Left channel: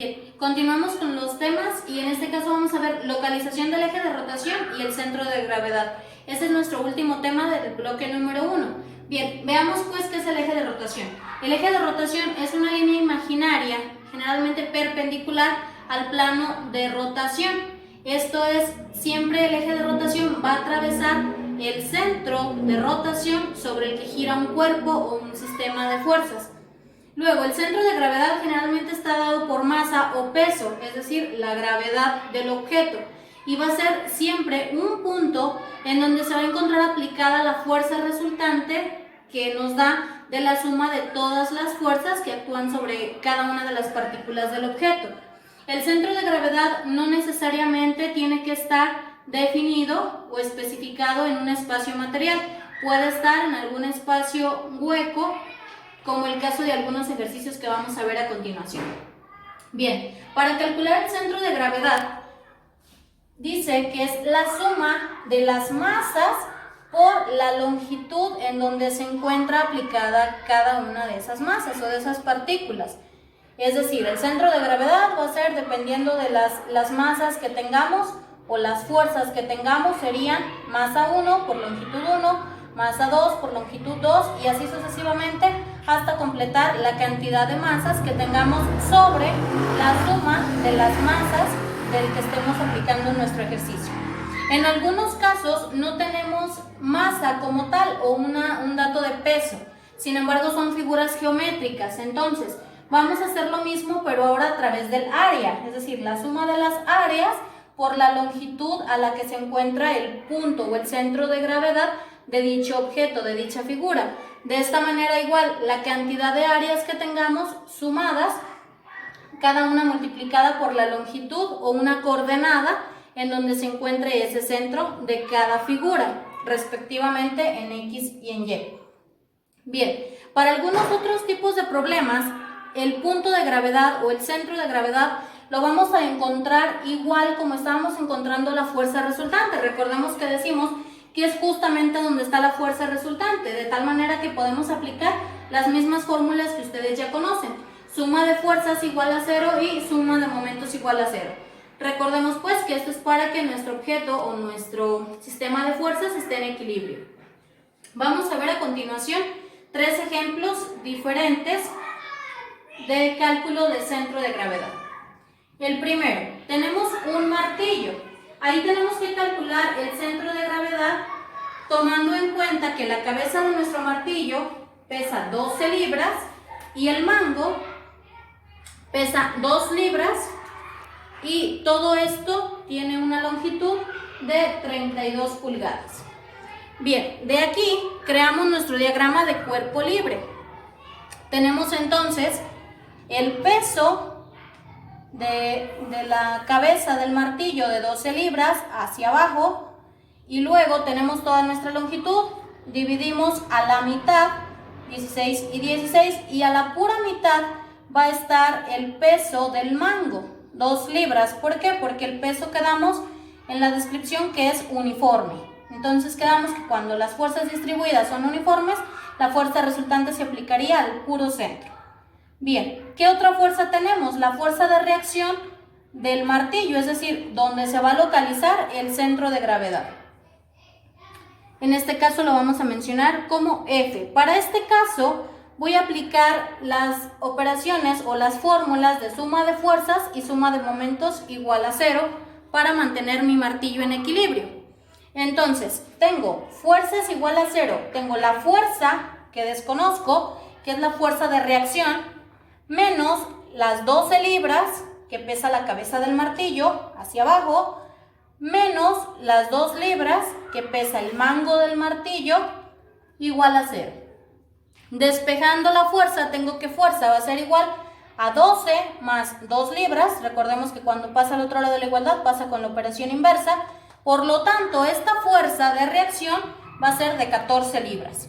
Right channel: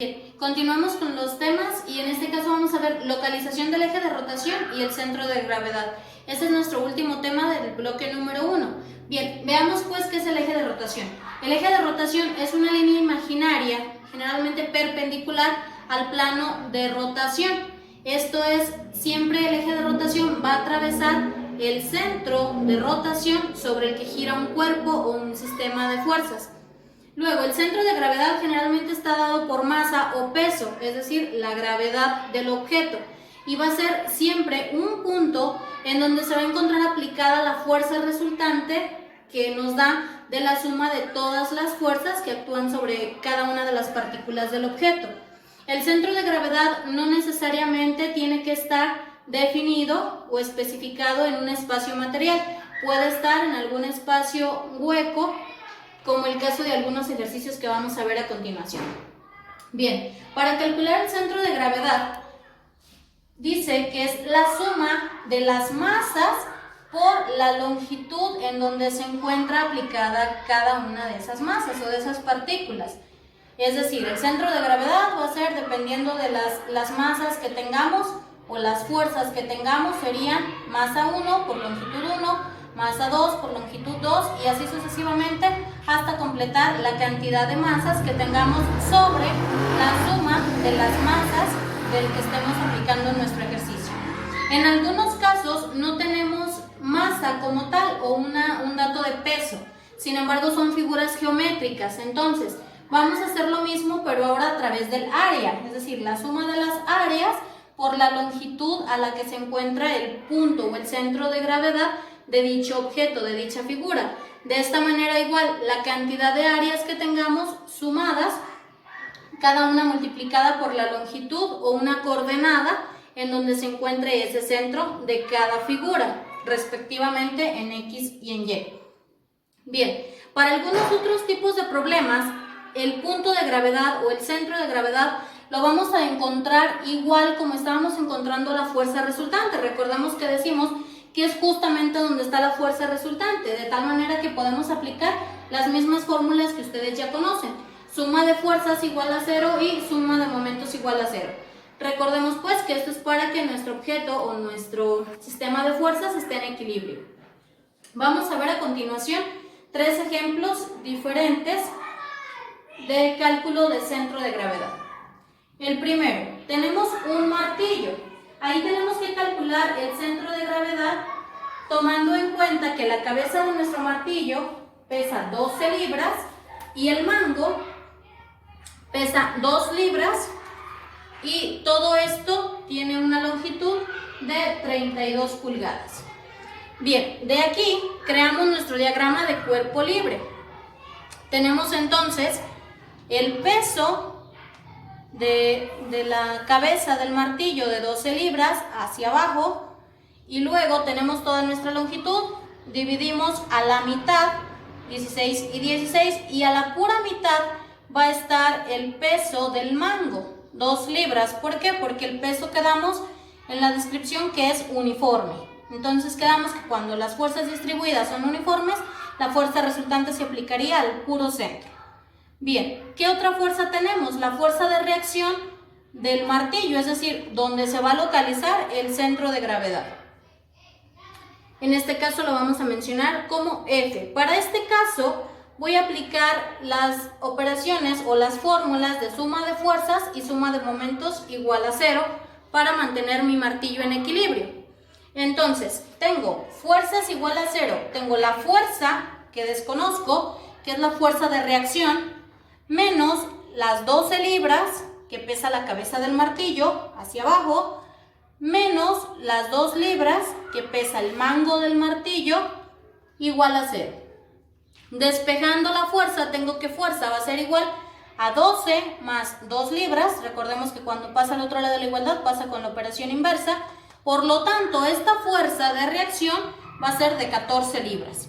Bien, continuamos con los temas y en este caso vamos a ver localización del eje de rotación y el centro de gravedad. Este es nuestro último tema del bloque número 1. Bien, veamos pues qué es el eje de rotación. El eje de rotación es una línea imaginaria, generalmente perpendicular al plano de rotación. Esto es, siempre el eje de rotación va a atravesar el centro de rotación sobre el que gira un cuerpo o un sistema de fuerzas. Luego, el centro de gravedad generalmente está dado por masa o peso, es decir, la gravedad del objeto, y va a ser siempre un punto en donde se va a encontrar aplicada la fuerza resultante que nos da de la suma de todas las fuerzas que actúan sobre cada una de las partículas del objeto. El centro de gravedad no necesariamente tiene que estar definido o especificado en un espacio material, puede estar en algún espacio hueco, como el caso de algunos ejercicios que vamos a ver a continuación. Bien, para calcular el centro de gravedad, dice que es la suma de las masas por la longitud en donde se encuentra aplicada cada una de esas masas o de esas partículas. Es decir, el centro de gravedad va a ser dependiendo de las masas que tengamos o las fuerzas que tengamos, serían masa 1 por longitud 1, masa 2 por longitud 2 y así sucesivamente hasta completar la cantidad de masas que tengamos sobre la suma de las masas del que estemos aplicando nuestro ejercicio. En algunos casos no tenemos masa como tal o un dato de peso, sin embargo son figuras geométricas, entonces vamos a hacer lo mismo pero ahora a través del área, es decir, la suma de las áreas por la longitud a la que se encuentra el punto o el centro de gravedad de dicho objeto, de dicha figura. De esta manera igual, la cantidad de áreas que tengamos sumadas, cada una multiplicada por la longitud o una coordenada en donde se encuentre ese centro de cada figura, respectivamente en X y en Y. Bien, para algunos otros tipos de problemas, el punto de gravedad o el centro de gravedad lo vamos a encontrar igual como estábamos encontrando la fuerza resultante. Recordemos que decimos que es justamente donde está la fuerza resultante, de tal manera que podemos aplicar las mismas fórmulas que ustedes ya conocen. Suma de fuerzas igual a 0 y suma de momentos igual a 0. Recordemos pues que esto es para que nuestro objeto o nuestro sistema de fuerzas esté en equilibrio. Vamos a ver a continuación 3 ejemplos diferentes de cálculo del centro de gravedad. El primero, tenemos un martillo. Ahí tenemos que calcular el centro de gravedad tomando en cuenta que la cabeza de nuestro martillo pesa 12 libras y el mango pesa 2 libras y todo esto tiene una longitud de 32 pulgadas. Bien, de aquí creamos nuestro diagrama de cuerpo libre. Tenemos entonces el peso de la cabeza del martillo de 12 libras hacia abajo y luego tenemos toda nuestra longitud, dividimos a la mitad, 16 y 16, y a la pura mitad va a estar el peso del mango, 2 libras. ¿Por qué? Porque el peso quedamos en la descripción que es uniforme. Entonces quedamos que cuando las fuerzas distribuidas son uniformes, la fuerza resultante se aplicaría al puro centro. Bien, ¿qué otra fuerza tenemos? La fuerza de reacción del martillo, es decir, donde se va a localizar el centro de gravedad. En este caso lo vamos a mencionar como F. Para este caso voy a aplicar las operaciones o las fórmulas de suma de fuerzas y suma de momentos igual a 0 para mantener mi martillo en equilibrio. Entonces, tengo fuerzas igual a 0, tengo la fuerza que desconozco, que es la fuerza de reacción, menos las 12 libras que pesa la cabeza del martillo hacia abajo, menos las 2 libras que pesa el mango del martillo, igual a 0. Despejando la fuerza, tengo que fuerza va a ser igual a 12 más 2 libras. Recordemos que cuando pasa al otro lado de la igualdad pasa con la operación inversa. Por lo tanto, esta fuerza de reacción va a ser de 14 libras.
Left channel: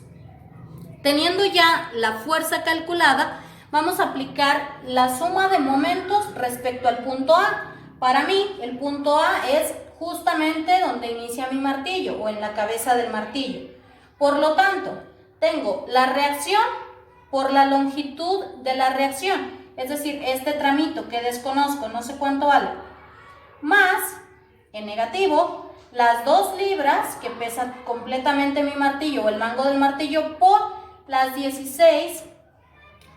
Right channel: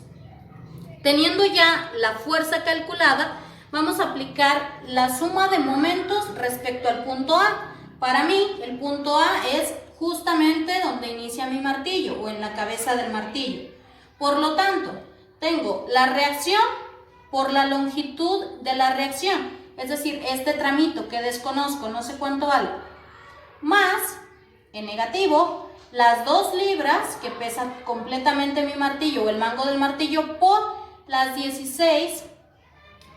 Teniendo ya la fuerza calculada, vamos a aplicar la suma de momentos respecto al punto A. Para mí, el punto A es justamente donde inicia mi martillo o en la cabeza del martillo. Por lo tanto, tengo la reacción por la longitud de la reacción. es decir, este tramito que desconozco, no sé cuánto vale, más, en negativo, las 2 libras que pesa completamente mi martillo o el mango del martillo por las 16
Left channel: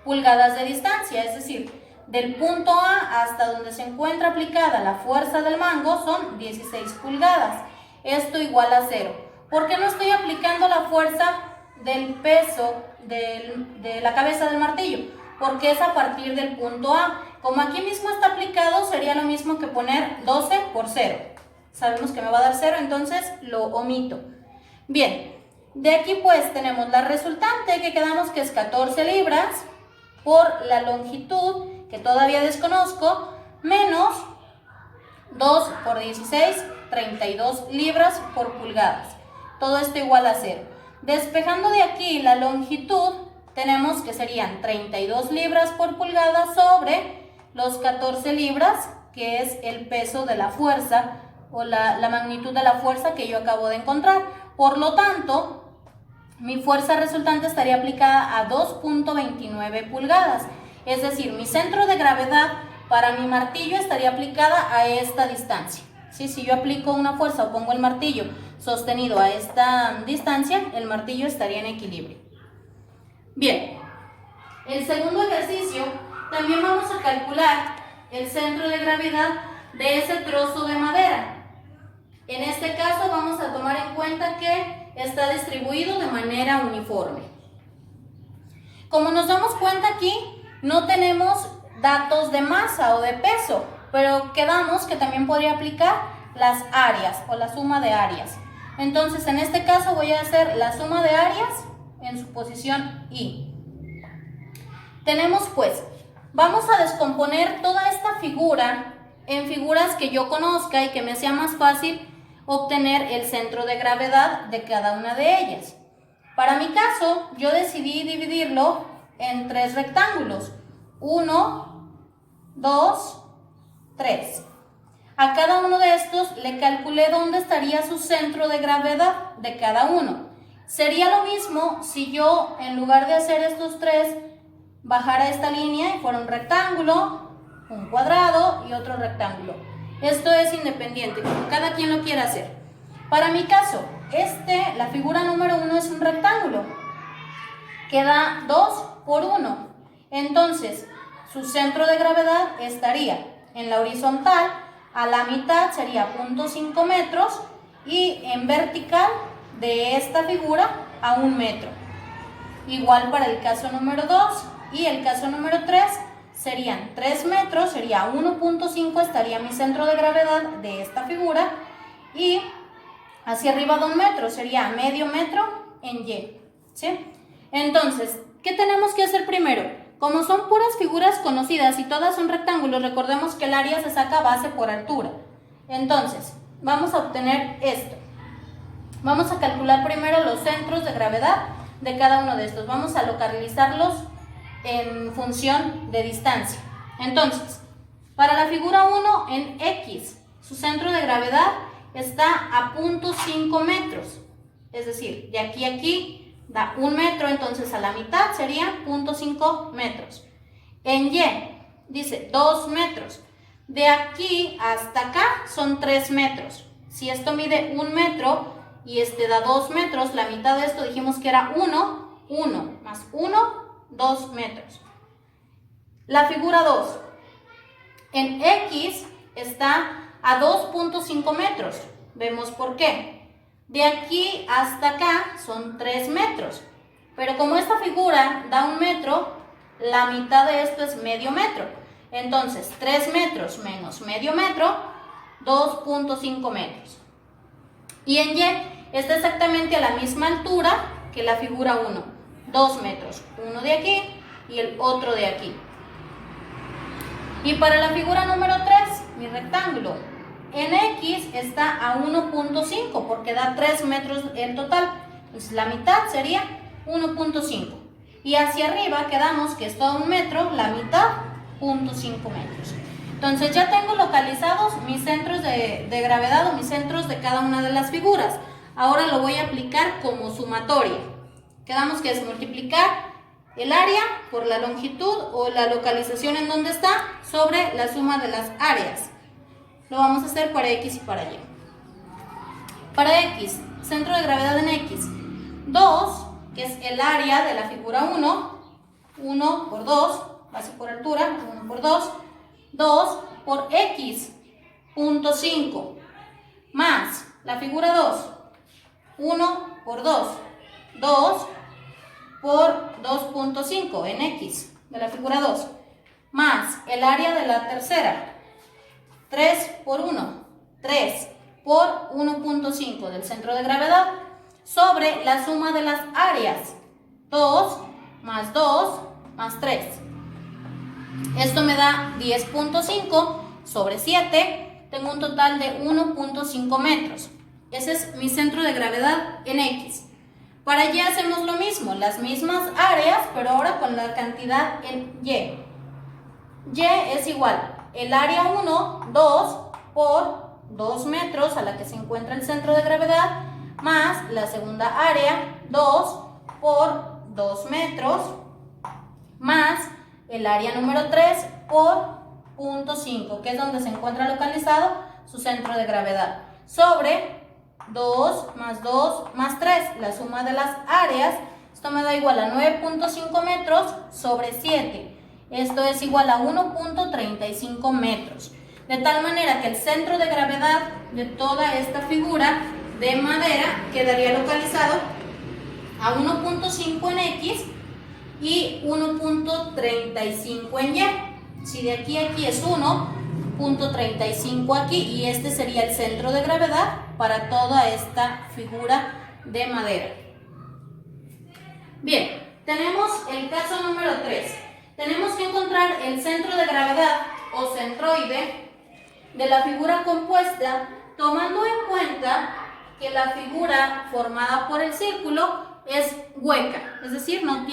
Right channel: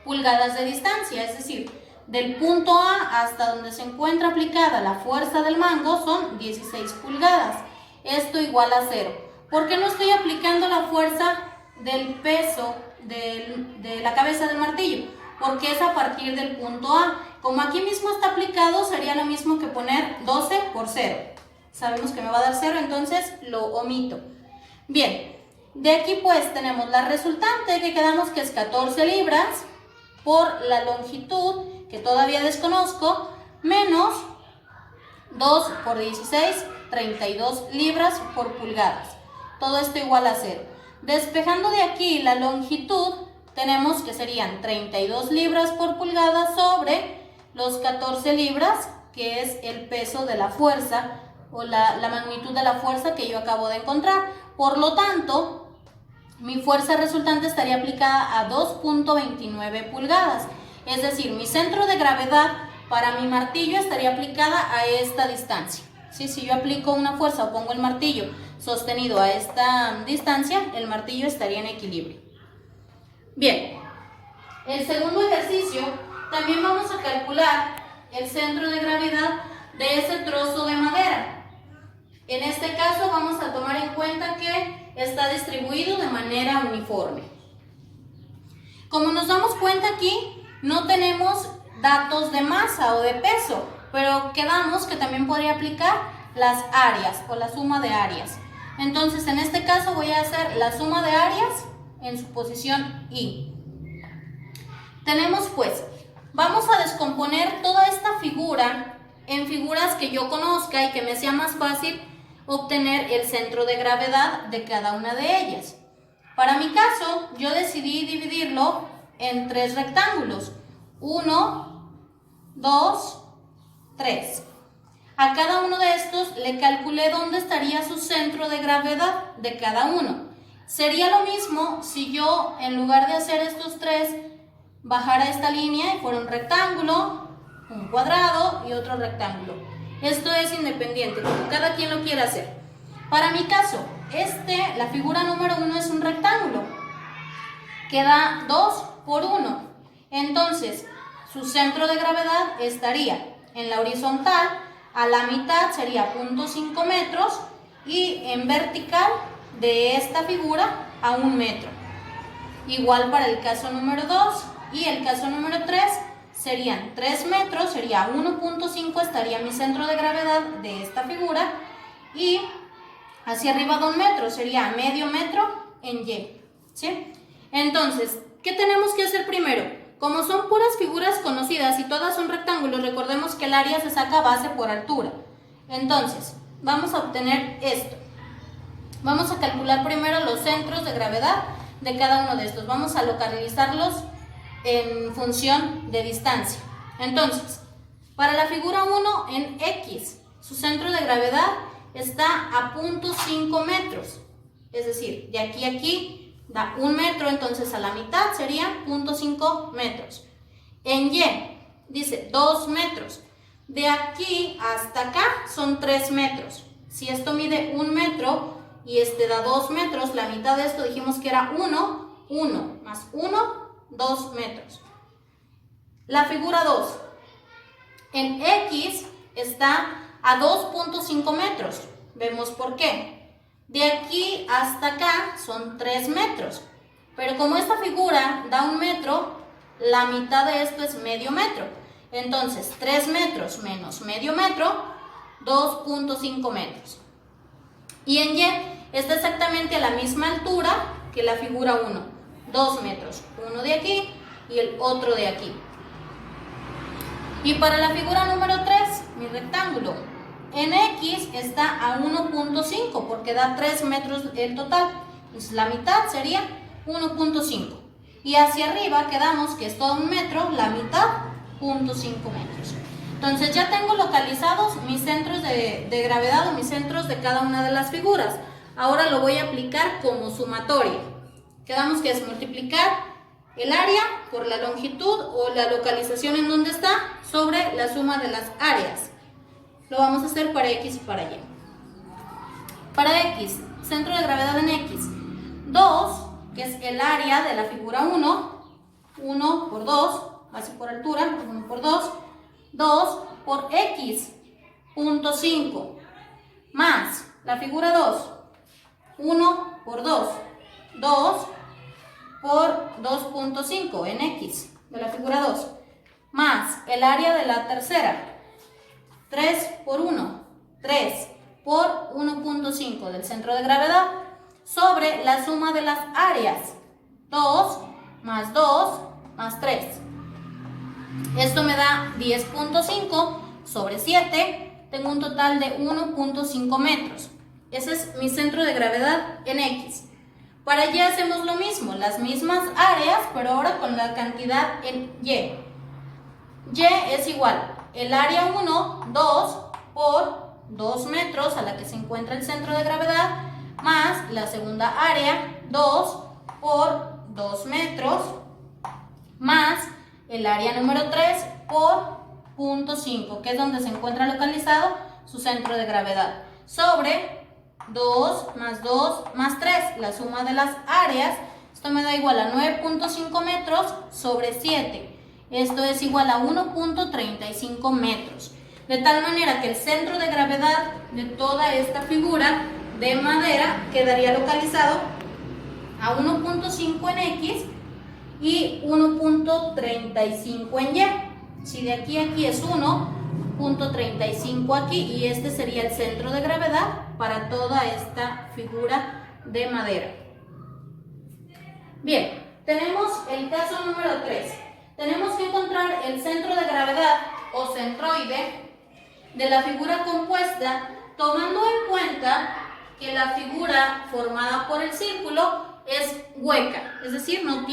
pulgadas de distancia, es decir, del punto A hasta donde se encuentra aplicada la fuerza del mango son 16 pulgadas. Esto igual a 0. ¿Por qué no estoy aplicando la fuerza del peso de la cabeza del martillo? Porque es a partir del punto A. Como aquí mismo está aplicado, sería lo mismo que poner 12 por 0. Sabemos que me va a dar 0, entonces lo omito. Bien, de aquí pues tenemos la resultante que quedamos que es 14 libras por la longitud, que todavía desconozco, menos 2 por 16, 32 libras por pulgadas. Todo esto igual a 0. Despejando de aquí la longitud, tenemos que serían 32 libras por pulgada sobre los 14 libras, que es el peso de la fuerza o la magnitud de la fuerza que yo acabo de encontrar. Por lo tanto, mi fuerza resultante estaría aplicada a 2.29 pulgadas. Es decir, mi centro de gravedad para mi martillo estaría aplicada a esta distancia. ¿Sí? Si yo aplico una fuerza o pongo el martillo sostenido a esta distancia, el martillo estaría en equilibrio. Bien, el segundo ejercicio, también vamos a calcular el centro de gravedad de ese trozo de madera. En este caso vamos a tomar en cuenta que está distribuido de manera uniforme. Como nos damos cuenta aquí, no tenemos datos de masa o de peso, pero quedamos que también podría aplicar las áreas o la suma de áreas. Entonces, en este caso voy a hacer la suma de áreas en su posición Y. Tenemos pues, vamos a descomponer toda esta figura en figuras que yo conozca y que me sea más fácil obtener el centro de gravedad de cada una de ellas. Para mi caso, yo decidí dividirlo en 3 rectángulos. 1, 2, 3. A cada uno de estos le calculé dónde estaría su centro de gravedad de cada uno. Sería lo mismo si yo, en lugar de hacer estos 3, bajara esta línea y fuera un rectángulo, un cuadrado y otro rectángulo. Esto es independiente, como cada quien lo quiera hacer. Para mi caso, la figura número 1 es un rectángulo. Queda 2 por 1. Entonces, su centro de gravedad estaría en la horizontal, a la mitad sería 0.5 metros y en vertical de esta figura a 1 metro. Igual para el caso número 2 y el caso número 3 serían 3 metros, sería 1.5, estaría mi centro de gravedad de esta figura y hacia arriba de 1 metro, sería medio metro en Y. ¿Sí? Entonces, ¿qué tenemos que hacer primero? Como son puras figuras conocidas y todas son rectángulos, recordemos que el área se saca base por altura. Entonces, vamos a obtener esto. Vamos a calcular primero los centros de gravedad de cada uno de estos. Vamos a localizarlos en función de distancia. Entonces, para la figura 1 en X, su centro de gravedad está a 0.5 metros. Es decir, de aquí a aquí da 1 metro, entonces a la mitad serían 0.5 metros. En Y dice 2 metros. De aquí hasta acá son 3 metros. Si esto mide 1 metro y este da 2 metros, la mitad de esto dijimos que era 1, 1 más 1, 2 metros. La figura 2. En X está a 2.5 metros. Vemos por qué. De aquí hasta acá son 3 metros. Pero como esta figura da 1 metro, la mitad de esto es medio metro. Entonces, 3 metros menos medio metro, 2.5 metros. Y en Y está exactamente a la misma altura que la figura 1. 2 metros. Uno de aquí y el otro de aquí. Y para la figura número 3, mi rectángulo, en X está a 1.5 porque da 3 metros en total. Entonces la mitad sería 1.5. Y hacia arriba quedamos que es todo 1 metro, la mitad 0.5 metros. Entonces ya tengo localizados mis centros de gravedad o mis centros de cada una de las figuras. Ahora lo voy a aplicar como sumatoria. Quedamos que es multiplicar el área por la longitud o la localización en donde está sobre la suma de las áreas. Lo vamos a hacer para X y para Y. Para X, centro de gravedad en X, 2, que es el área de la figura 1, 1 por 2, base por altura, 1 por 2, 2 por X, punto 5, más la figura 2, 1 por 2, 2 por 2.5 en X de la figura 2, más el área de la tercera, 3 por 1, 3 por 1.5 del centro de gravedad, sobre la suma de las áreas, 2 más 3. Esto me da 10.5 sobre 7, tengo un total de 1.5 metros. Ese es mi centro de gravedad en X. Para Y hacemos lo mismo, las mismas áreas, pero ahora con la cantidad en Y. Y es igual, el área 1, 2 por 2 metros a la que se encuentra el centro de gravedad, más la segunda área, 2 por 2 metros, más el área número 3 por 0.5, que es donde se encuentra localizado su centro de gravedad, sobre 2 más 3, la suma de las áreas. Esto me da igual a 9.5 metros sobre 7. Esto es igual a 1.35 metros. De tal manera que el centro de gravedad de toda esta figura de madera quedaría localizado a 1.5 en X y 1.35 en Y. Si de aquí a aquí es 1.35 aquí, y este sería el centro de gravedad para toda esta figura de madera. Bien, tenemos el caso número 3. Tenemos que encontrar el centro de gravedad o centroide de la figura compuesta, tomando en cuenta que la figura formada por el círculo es hueca, es decir, no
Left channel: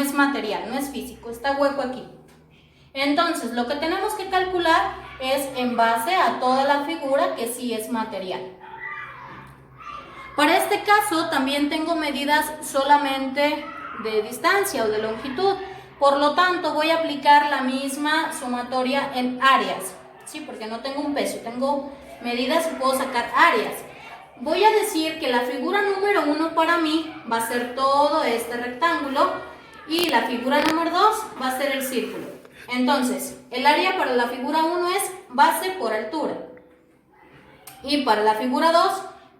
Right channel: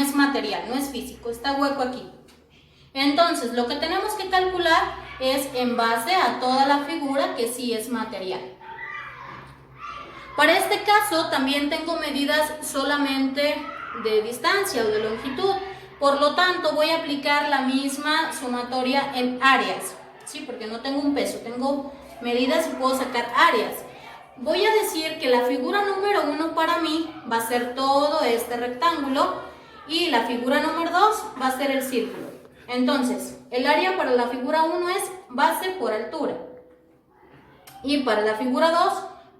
es material, no es físico, está hueco aquí. Entonces, lo que tenemos que calcular es en base a toda la figura que sí es material. Para este caso también tengo medidas solamente de distancia o de longitud, por lo tanto voy a aplicar la misma sumatoria en áreas, ¿sí? Porque no tengo un peso, tengo medidas y puedo sacar áreas. Voy a decir que la figura número 1 para mí va a ser todo este rectángulo y la figura número 2 va a ser el círculo. Entonces, el área para la figura 1 es base por altura y para la figura 2,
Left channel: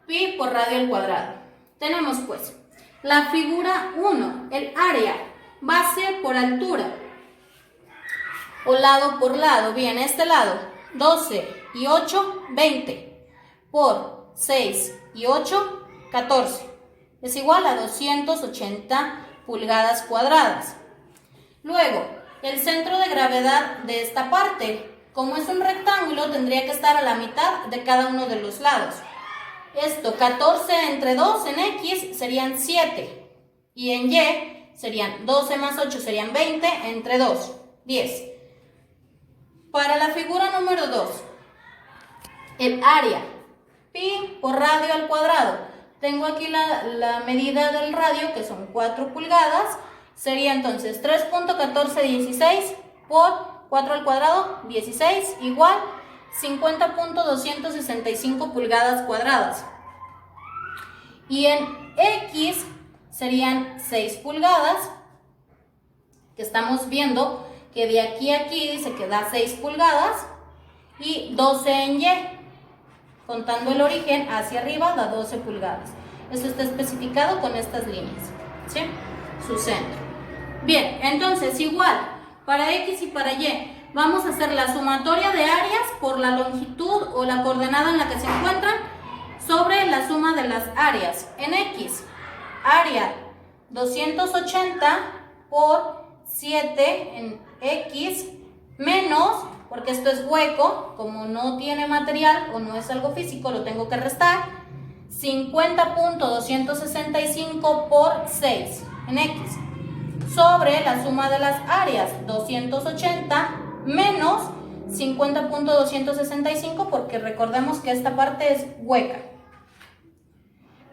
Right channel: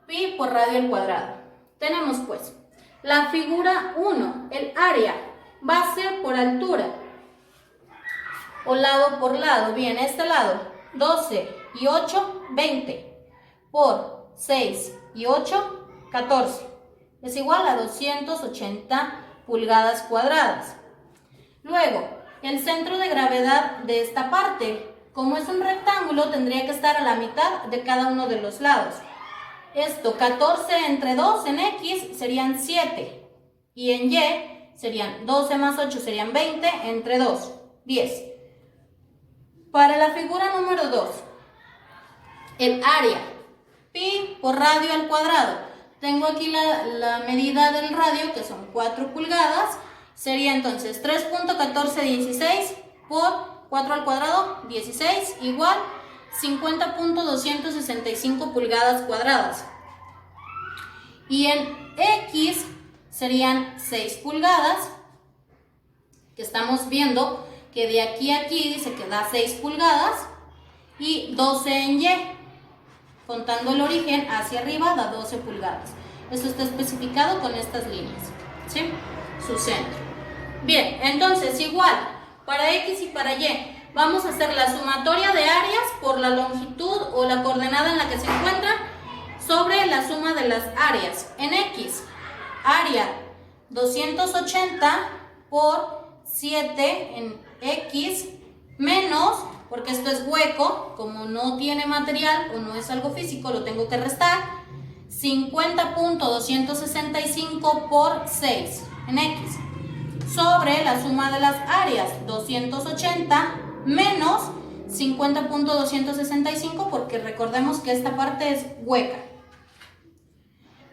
pi por radio al cuadrado. Tenemos pues la figura 1, el área, base por altura o lado por lado. Bien, este lado, 12 y 8, 20 por 6 y 8, 14. Es igual a 280 pulgadas cuadradas. Luego, el centro de gravedad de esta parte, como es un rectángulo, tendría que estar a la mitad de cada uno de los lados. Esto, 14 entre 2 en X serían 7. Y en Y serían 12 más 8 serían 20 entre 2, 10. Para la figura número 2, el área, pi por radio al cuadrado. Tengo aquí la medida del radio, que son 4 pulgadas. Sería entonces 3.1416 por 4 al cuadrado, 16, igual 50.265 pulgadas cuadradas. Y en X serían 6 pulgadas, que estamos viendo que de aquí a aquí dice que da 6 pulgadas, y 12 en Y. Contando el origen hacia arriba da 12 pulgadas. Esto está especificado con estas líneas, ¿sí? Su centro. Bien, entonces igual, para X y para Y, vamos a hacer la sumatoria de áreas por la longitud o la coordenada en la que se encuentran sobre la suma de las áreas. En X, área 280 por 7 en X menos, porque esto es hueco, como no tiene material o no es algo físico, lo tengo que restar, 50.265 por 6 en X, sobre la suma de las áreas, 280 menos 50.265, porque recordemos que esta parte es hueca.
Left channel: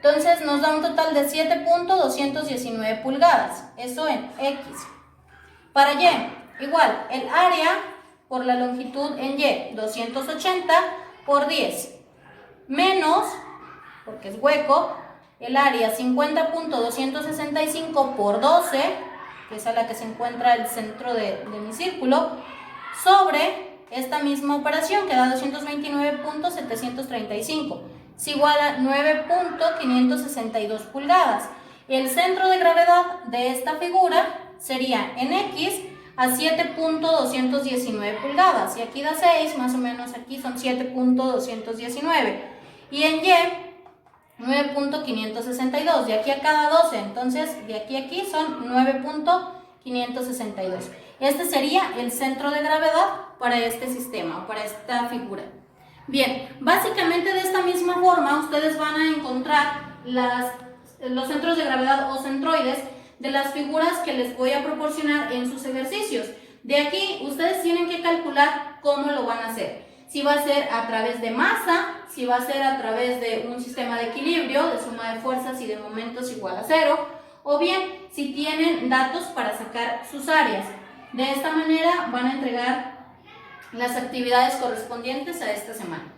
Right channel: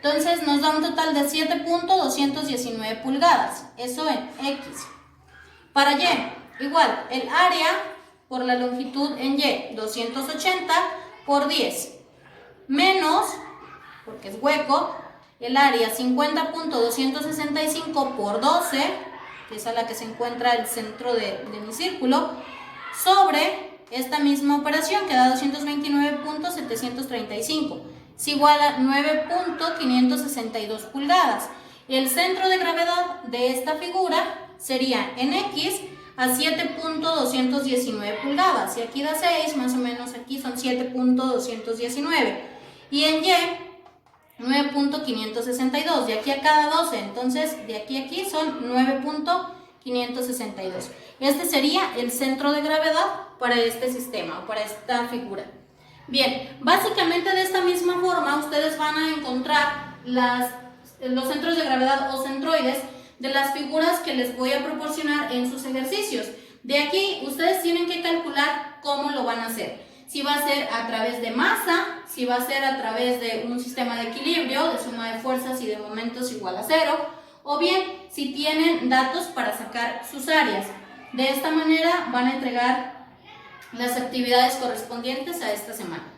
Entonces nos da un total de 7.219 pulgadas, eso en X. Para Y, igual, el área por la longitud en Y, 280 por 10, menos, porque es hueco, el área 50.265 por 12, que es a la que se encuentra el centro de mi círculo, sobre esta misma operación que da 229.735, es igual a 9.562 pulgadas. El centro de gravedad de esta figura sería en X a 7.219 pulgadas, y aquí da 6, más o menos aquí son 7.219, y en Y 9.562, de aquí a cada 12, entonces de aquí a aquí son 9.562. Este sería el centro de gravedad para este sistema, para esta figura. Bien, básicamente de esta misma forma ustedes van a encontrar los centros de gravedad o centroides de las figuras que les voy a proporcionar en sus ejercicios. De aquí ustedes tienen que calcular cómo lo van a hacer. Si va a ser a través de masa, si va a ser a través de un sistema de equilibrio, de suma de fuerzas y de momentos igual a 0, o bien si tienen datos para sacar sus áreas. De esta manera van a entregar las actividades correspondientes a esta semana.